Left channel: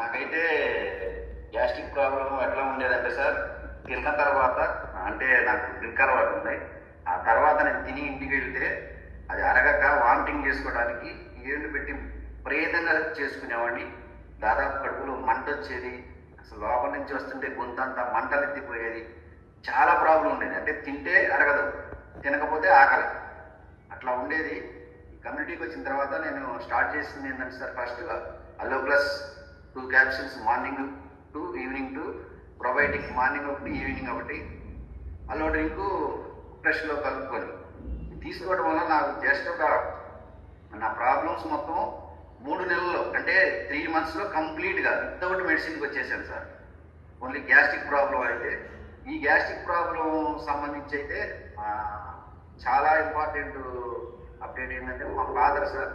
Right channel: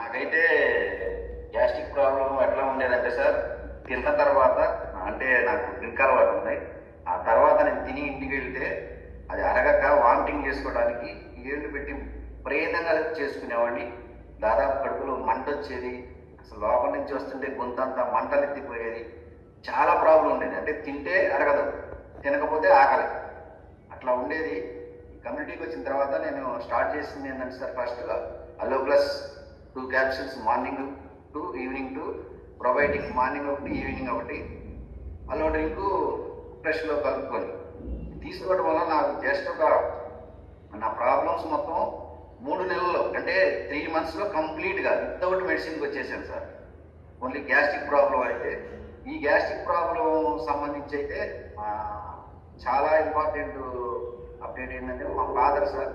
నాకైతే gastric problem ఎట్లా ఉండేదంటే సార్, తిన్న తర్వాత అంటే నాకు డ్రింక్ అలవాటు ఉంది. ఆ తర్వాత నేను తిని ఇంటికి వెళ్తే అది అరగక వామిటింగ్ చేసుకోవడానికి ఏళ్ళు పెట్టి ప్రయత్నంగా చేసుకునేవాడిని. దాదాపు కడుపులో మంట వచ్చేది, అసలు లోపల నుంచి వస్తుంటే గొంతంతా మంటలు ఎత్తిపోయేది. చాలా ప్రాబ్లం ఉండేది. అంటే తింటే అరగదు, తినకపోతే ఆకలి, అట్లా ఉండేది. కమ్యూనిటీకి వచ్చిన తర్వాత నేను స్టార్ట్ చేసింది ఏంటంటే sir, first aloe plus 2 capsules morning 2, evening 2, probiotic morning ఒకటి, ఈవినింగ్ ఒకటి, అలో డ్రింక్ ఫ్రెష్లో కలుపుకొని తీసుకోవడం వల్ల నాకు జస్ట్ ఒక నా ప్రాబ్లమ్స్ మొత్తం 3 నెలల్లో అంటే 3 monthsలో కంప్లీట్గా వితౌట్ మెడిసిన్కి వచ్చేసాను సార్. ఓన్లీ గ్యాస్ట్రిక్ ప్రాబ్లం అయితే. ఈ గ్యాస్ట్రిక్ ప్రాబ్లం సంబంధించి అయితే చాలా ఇంపార్టెంట్ అప్డేట్ ఏంటంటే, మా ఫాదర్ సార్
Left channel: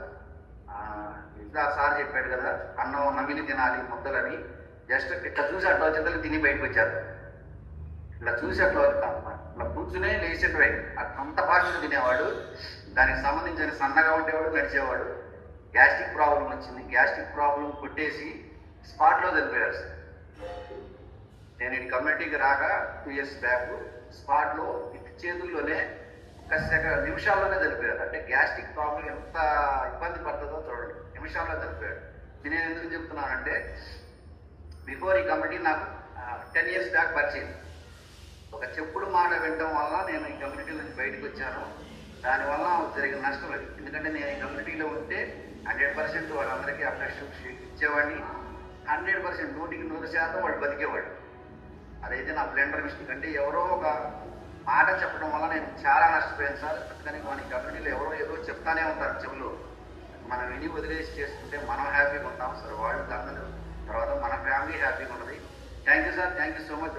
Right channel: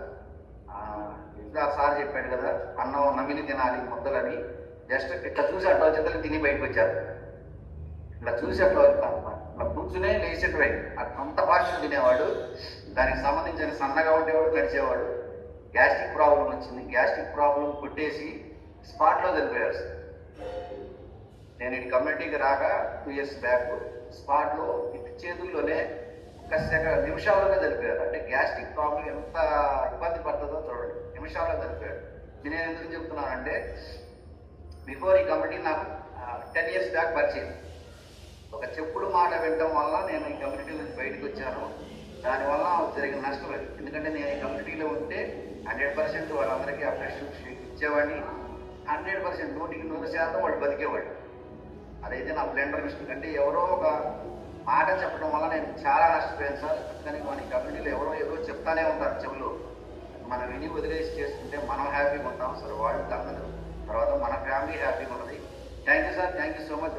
ఇందా సార్ చెప్పాడు కదా, అన్నం నమిలి తినాలి ముద్దలని. జస్ట్ ఇట్లా చూసి అట్లా వచ్చేది తిని బయటకు వచ్చారు. ఇట్లా చూసి అట్లా ఇట్లా కూర్చునే లేచేటవే అంత ఫాస్ట్గా తినేవాడు. దానికి సంబంధించిన సన్నగా ఉండేవాడు, నడిచేవాడు. గ్యాస్ట్రిక్ ప్రాబ్లం వచ్చింది. గ్యాస్ట్రిక్ ప్రాబ్లం కొట్టేసి స్పాట్లో చనిపోయారు సార్. నేను ఈ కమ్యూనిటీకి రాక 2 years బ్యాక్ స్పాట్లో ఇటు చేతుల్లోనే నిమిషాల్లోనే చనిపోయారు. అంటే గ్యాస్ట్రిక్ ప్రాబ్లం ఎంత ఇబ్బంది పడుతుందో చూడండి, నిమిషాల్లో చనిపోయాడు. నేను ఎందుకు చెప్తున్నానంటే, బిఫోర్ ఈ కమిటీ నాకు 10 years బ్యాక్ పరిచయం. ఒక చెప్పుడు మాట వినడం వల్ల నేను ఈ కమ్యూనిటీ నుంచి బయటకు వచ్చాను. దానివల్ల జరిగిన నష్టం లేదు. ఎందుకంటే నేను ఈ కమ్యూనిటీలో ఉంటే 100% వాళ్ళందరికీ అప్రెషియేట్ ఇచ్చేవాడిని. 100% 100% వాళ్ళు బతికేవాడు. అదైతే నా బ్లెండర్ మిస్టేక్. అంటే ఎవరో ఒక మాట చెప్పడం వల్ల నేను చాలా నష్టపోయాను సార్. అందుకని మన కమ్యూనిటీలో ఎవరో ఏదో చెప్తానే ఉంటారు చెవులు. మనం విని వదిలేసి చేసుకుంటే మనం హ్యాపీగా ఉంటాం సార్. వాళ్ళు తర్వాత మన ఫ్యామిలీ హ్యాపీగా ఉంటుంది. Thank you sir, thank you so much.